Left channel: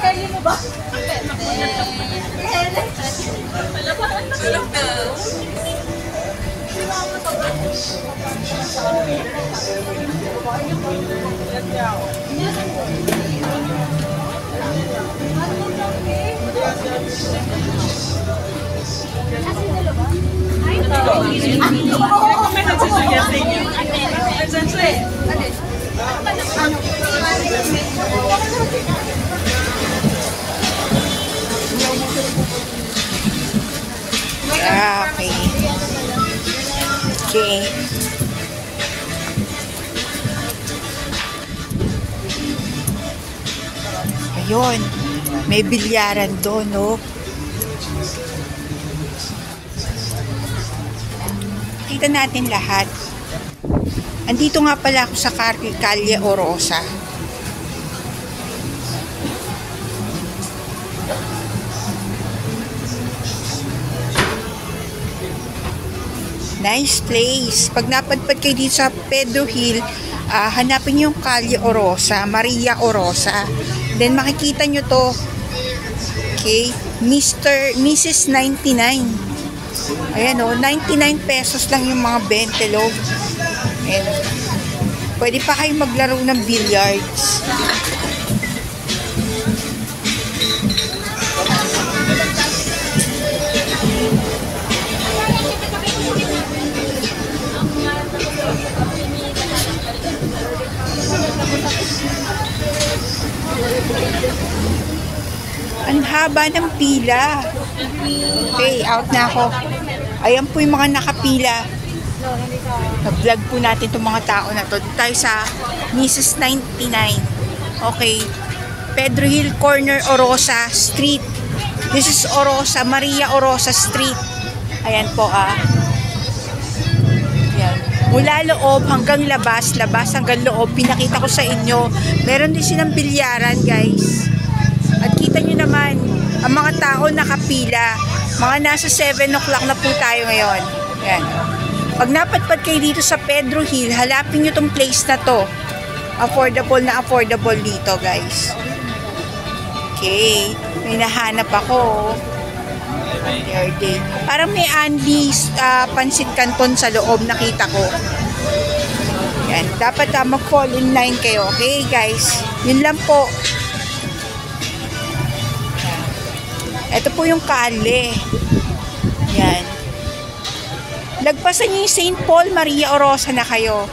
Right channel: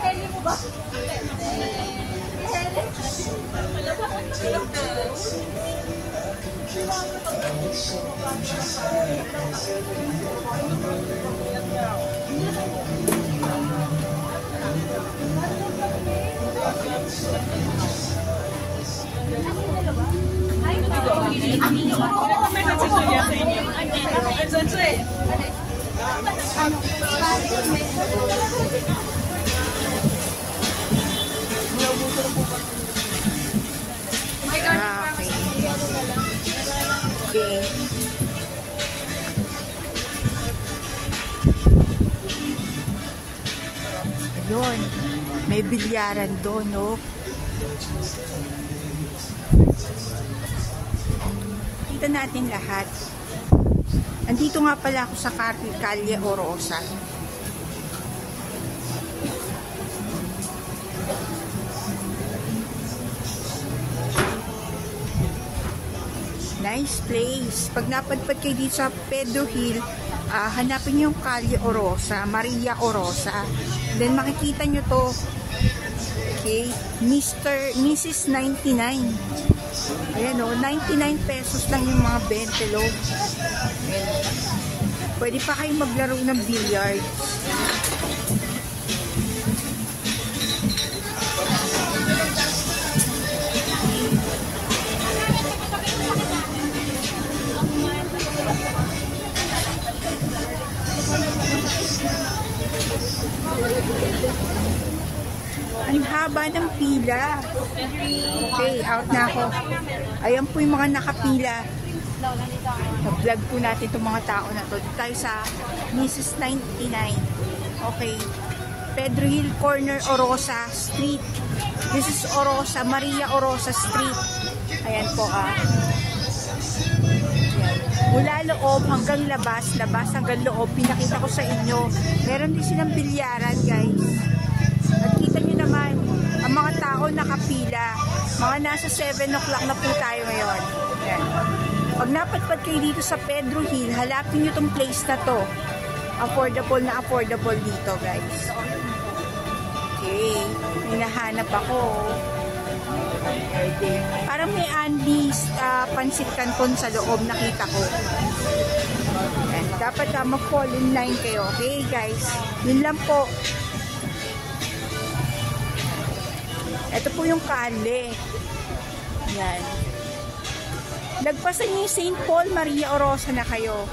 Kali mo ba? Okay. Okay. Ayun. May bilyaran doon, no? Kita natin lahat. Andito nga pala ako sa Calle Orosa. Nice place. Pag napadpad kayo dito sa Pedro Hill, hanapin nyo yung Calle Orosa, Maria Orosa. Then makikita nyo to. Okay? Mrs. 99. Ayan o, 99 pesos lang yung mga bentelog. Ayan. Pwede pa kayo maglaro ng billiards. Ang haba ng pila. Okay, out na ako. Ayan po yung mga nakapila. Nag-vlog po natin itong mga tao na to. Dito tayo sa Mrs. 99. Okay. Pedro Hill Corner, Orosa Street. This is Orosa, Maria Orosa Street. Ayan po Ayan. Mula loob hanggang labas, labas hanggang loob. Pinakita ko sa inyo. Meron din silang bilyaran, guys. At kita nyo naman, ang mga tao nakapila. Mga nasa 7 o'clock na po tayo ngayon. Ayan. Pag napadpad kayo dito sa Pedro Hill, halapin nyo tong place na to. Affordable na affordable dito, guys. Okay. May nahanap ako. Day. Parang may Andy's Pansit Canton sa loob, nakita ko. Ayan. Dapat mag-fall in line kayo. Okay, guys. Yun lang po. Ito po yung kale. Yan. Lagpasan niyo yung St. Paul Maria Orosa na kayo.